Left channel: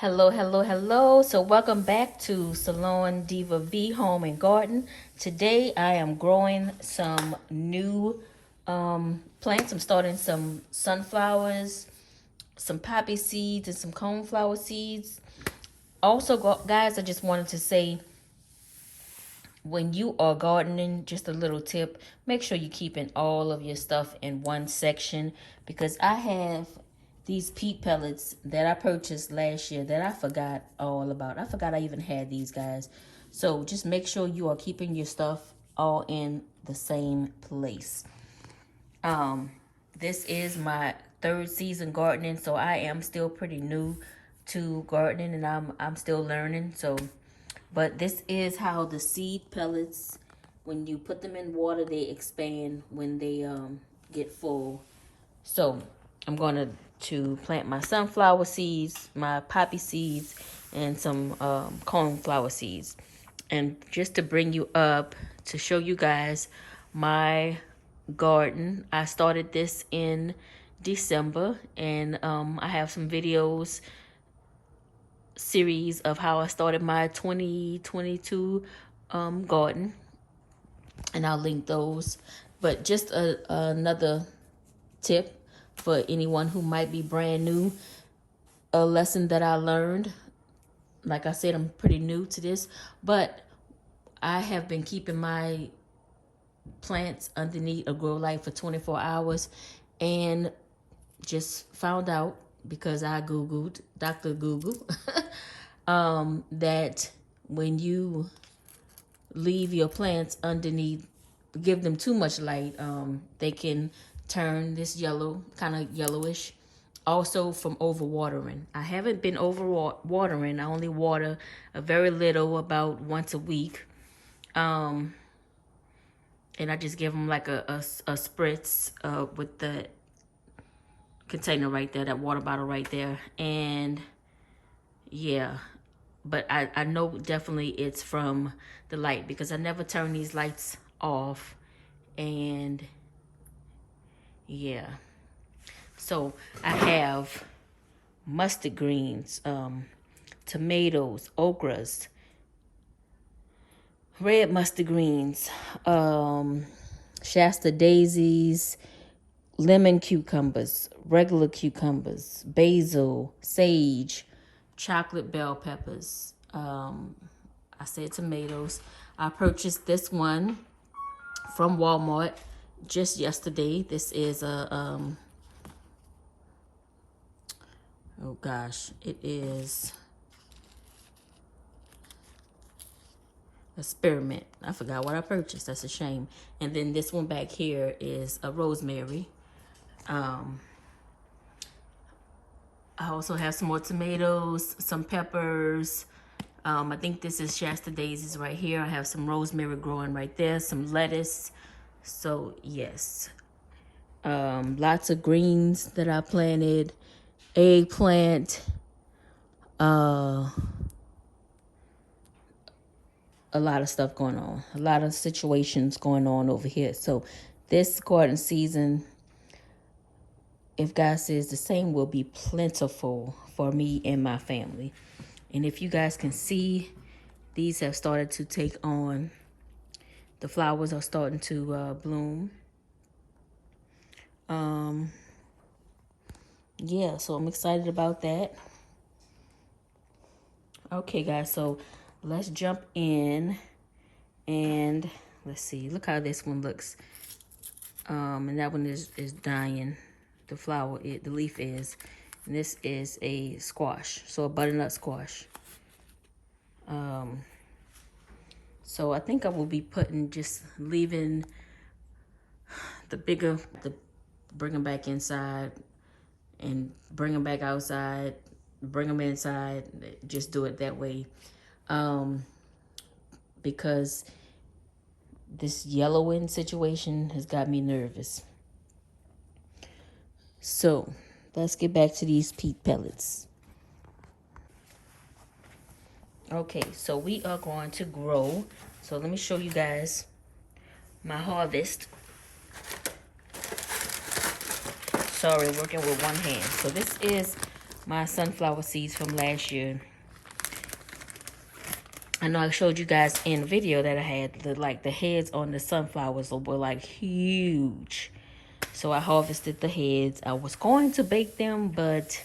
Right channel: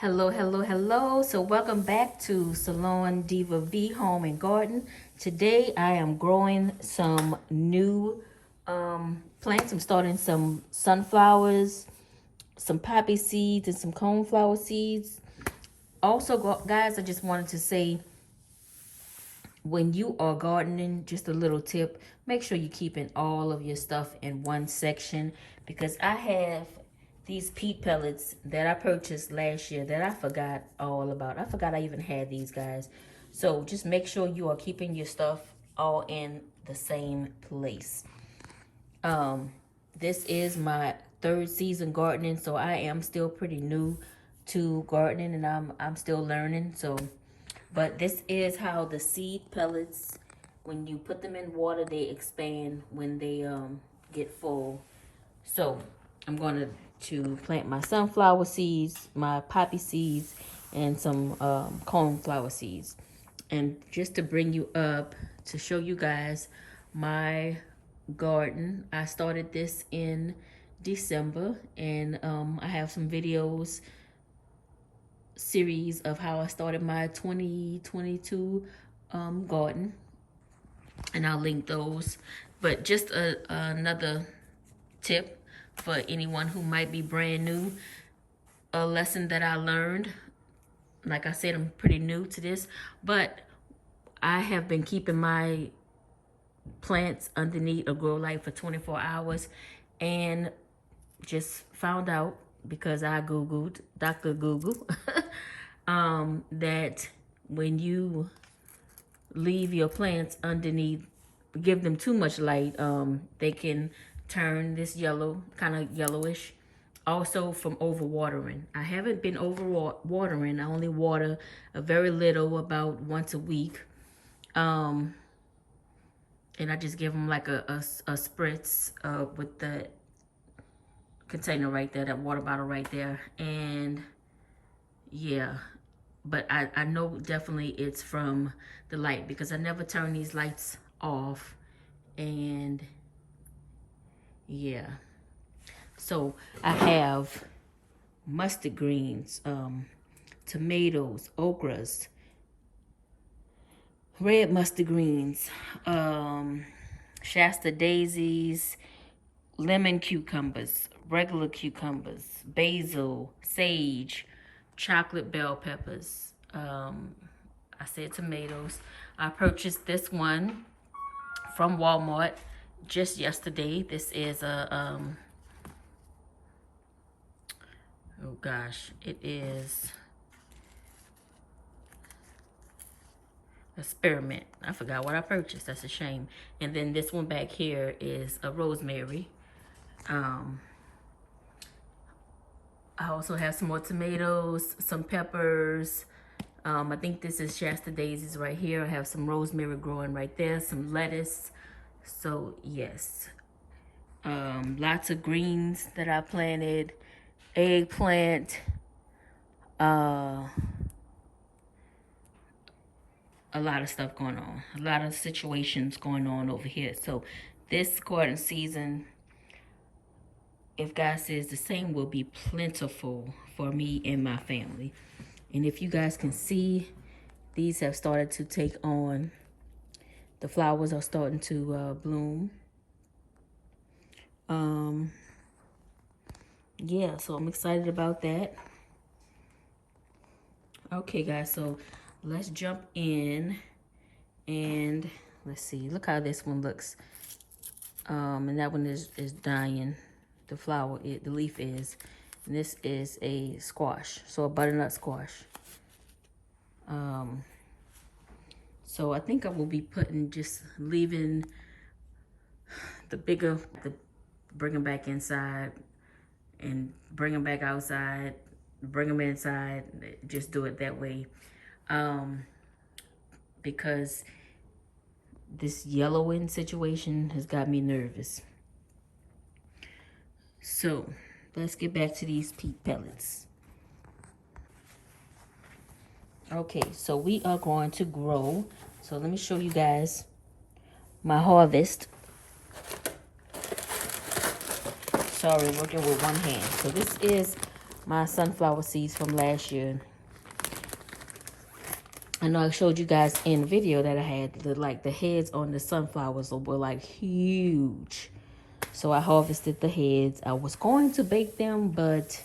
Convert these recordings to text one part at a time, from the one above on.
Hello, hello, hello. So welcome back to SalonDivav Home and Garden. Today I am growing some new plants. I'm starting some sunflowers, some poppy seeds, and some coneflower seeds. Also, guys, I just wanted to say, when you are gardening, just a little tip, make sure you're keeping all of your stuff in one section, because I have these peat pellets that I purchased last year that I forgot all about. I forgot I even had these, guys. So just make sure you are keeping your stuff all in the same place. This is my third season gardening, so I am still pretty new to gardening, and I'm still learning. But this is how the seed pellets, when you put them in water, they expand when they get full. So I'm going to plant my sunflower seeds, my poppy seeds, and some coneflower seeds. And just to bring you up, to show you guys my garden, I started this in December, and I have some videos series of how I started my 2022 garden, and I'll link those. But just another tip for anyone who might be brand new, a lesson that I learned. Like I said, I'm pretty new to this, but I have been keeping my plants underneath a grow light for 24 hours, and just found out, because I Googled, Dr. Google, that when you leave your plants underneath, give them too much light, they can turn this yellow, kind of yellowish. Also from overwatering. I haven't been overwatering. I only water a very little, about once a week. And I just give them like a spritz with the container right there, that water bottle right there. And yeah, but I know definitely it's from the light, because I never turn these lights off. And yeah, so I have mustard greens, tomatoes, okras, red mustard greens, Shasta daisies, lemon cucumbers, regular cucumbers, basil, sage, chocolate bell peppers. I said tomatoes. I purchased this one from Walmart just yesterday. This is a oh gosh, it is a spearmint. I forgot what I purchased. That's a shame. And then this one back here is a rosemary. I also have some more tomatoes, some peppers. I think this is Shasta daisies right here. I have some rosemary growing right there, some lettuce. So yes, lots of greens that I planted, eggplant, a lot of stuff going on, a lot of situations going on over here. So this garden season, if God says the same, will be plentiful for me and my family. And if you guys can see, these have started to take on, the flowers are starting to bloom. Yeah, so I'm excited about that. Okay, guys, so let's jump in and let's see. Look how this one looks. And that one is dying. The flower, the leaf is. And this is a squash, so a butternut squash. So I think I will be just leaving bring them back inside and bring them back outside, bring them inside, just do it that way. Because this yellowing situation has got me nervous. So let's get back to these peat pellets. Okay, so we are going to grow. So let me show you guys my harvest. Sorry, working with one hand. So this is my sunflower seeds from last year. I know I showed you guys in the video that I had the heads on the sunflowers were like huge. So I harvested the heads. I was going to bake them, but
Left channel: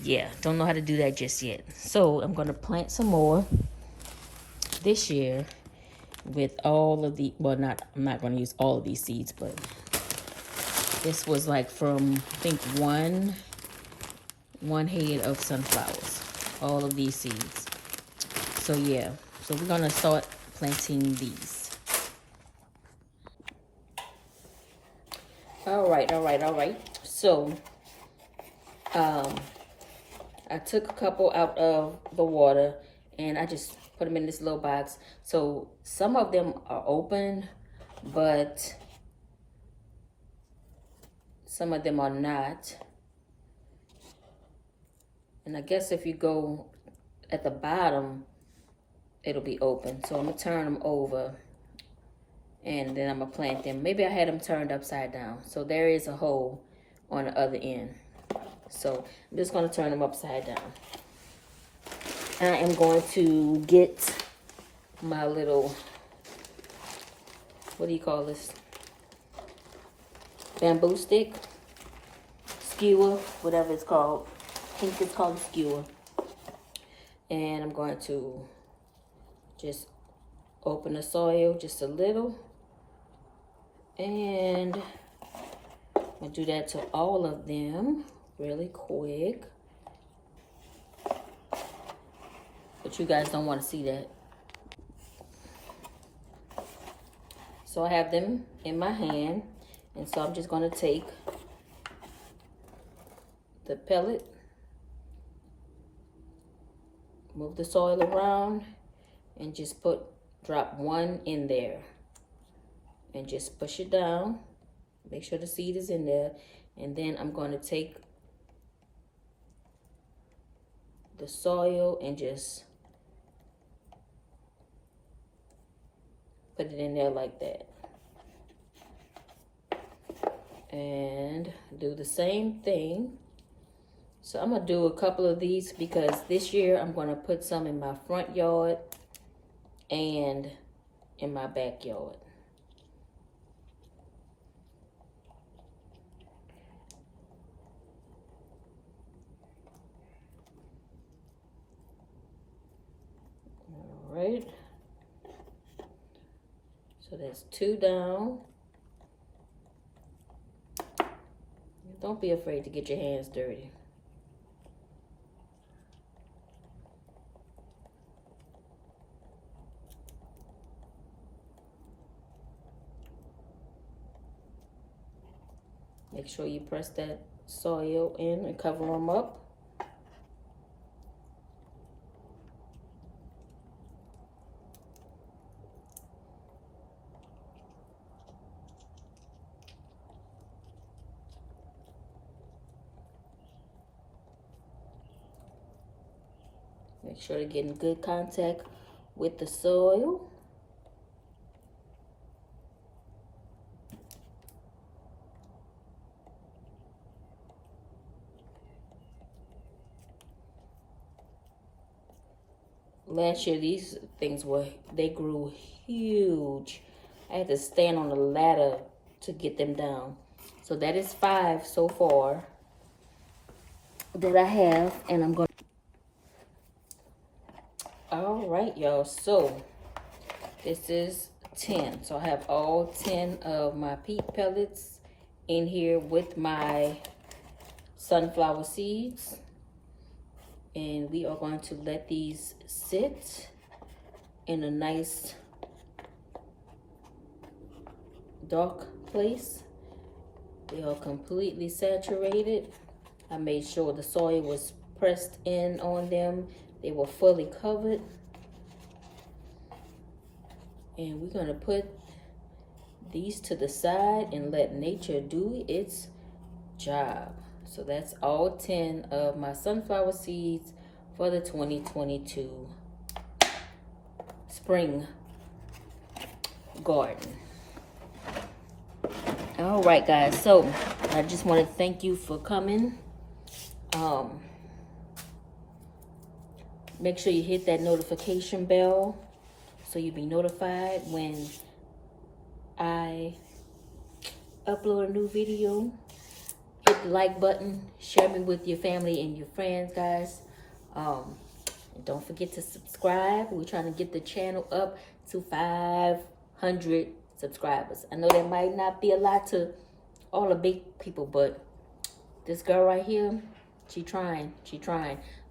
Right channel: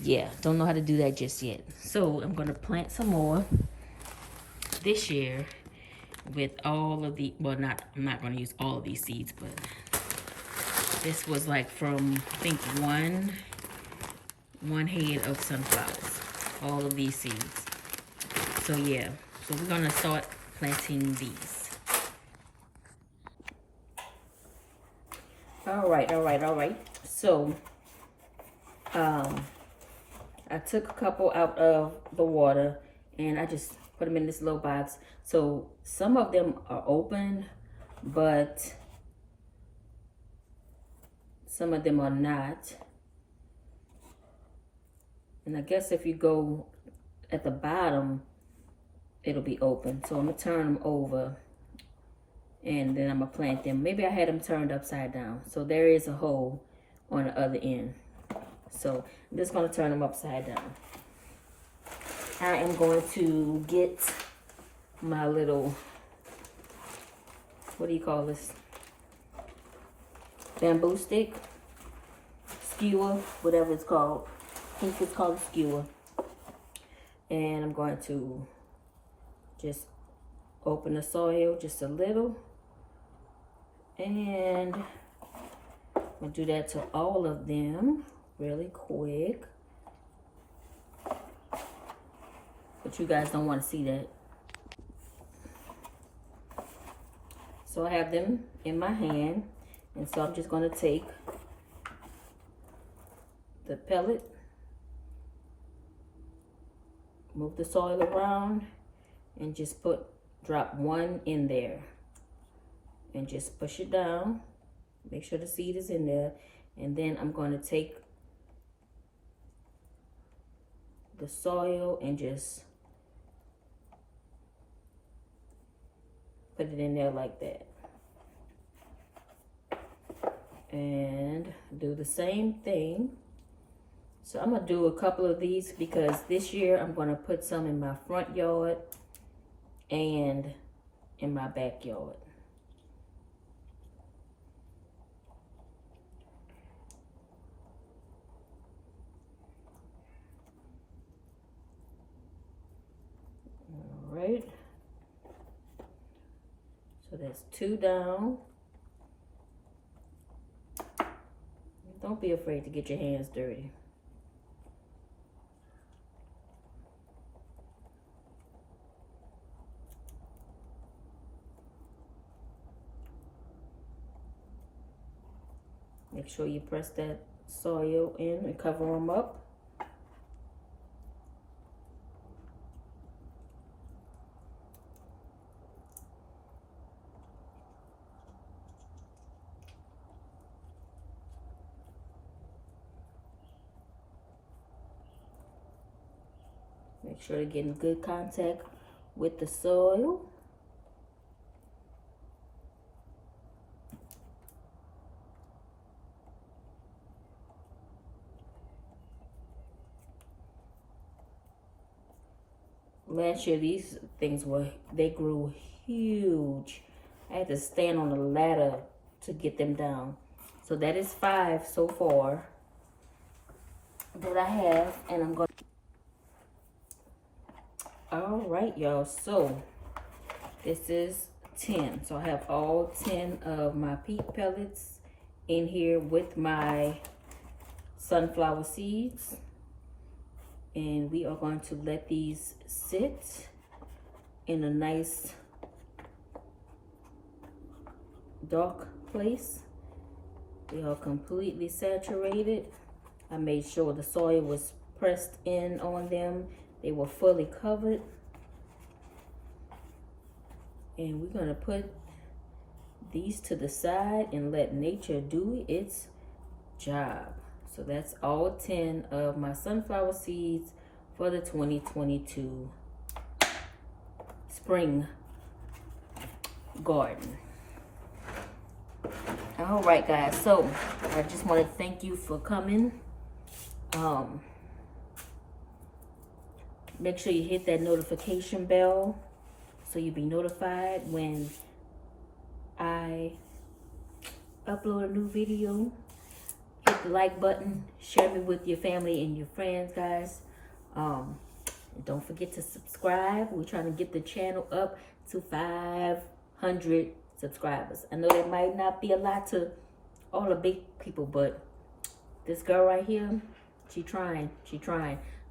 yeah, don't know how to do that just yet. So I'm going to plant some more this year with all of the, well, I'm not going to use all of these seeds, but this was like from, I think, one head of sunflowers, all of these seeds. So yeah, so we're going to start planting these. All right. So, I took a couple out of the water and I just put them in this little box. So some of them are open, but some of them are not. And I guess if you go at the bottom, it'll be open. So I'm gonna turn them over and then I'm gonna plant them. Maybe I had them turned upside down. So there is a hole on the other end. So I'm just gonna turn them upside down. I am going to get my little, what do you call this? Bamboo stick, skewer, whatever it's called. I think it's called a skewer. And I'm going to just open the soil just a little. And I'm gonna do that to all of them really quick. But you guys don't want to see that. So I have them in my hand. And so I'm just going to take the pellet, move the soil around, and just drop one in there. And just push it down. Make sure the seed is in there. And then I'm going to take the soil and just put it in there like that. And do the same thing. So I'm gonna do a couple of these because this year I'm gonna put some in my front yard and in my backyard. All right. So that's 2 down. Don't be afraid to get your hands dirty. Make sure you press that soil in and cover them up. Make sure to get in good contact with the soil. Last year, these things they grew huge. I had to stand on a ladder to get them down. So that is 5 so far that I have, and I'm going. All right, y'all. So this is 10. So I have all 10 of my peat pellets in here with my sunflower seeds. And we are going to let these sit in a nice dark place. They are completely saturated. I made sure the soil was pressed in on them. They were fully covered. And we're going to put these to the side and let nature do its job. So that's all 10 of my sunflower seeds for the 2022 spring garden. All right, guys. So I just want to thank you for coming. Make sure you hit that notification bell so you'll be notified when I upload a new video. Hit the like button, share me with your family and your friends, guys. And don't forget to subscribe. We're trying to get the channel up to 500 subscribers. I know that might not be a lot to all the big people, but this girl right here, she trying.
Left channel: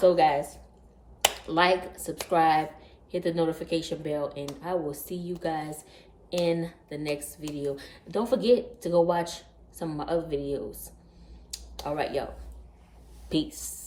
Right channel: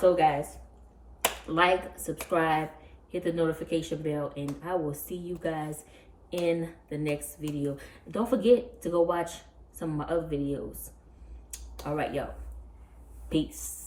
So guys, like, subscribe, hit the notification bell, and I will see you guys in the next video. Don't forget to go watch some of my other videos. All right, y'all. Peace.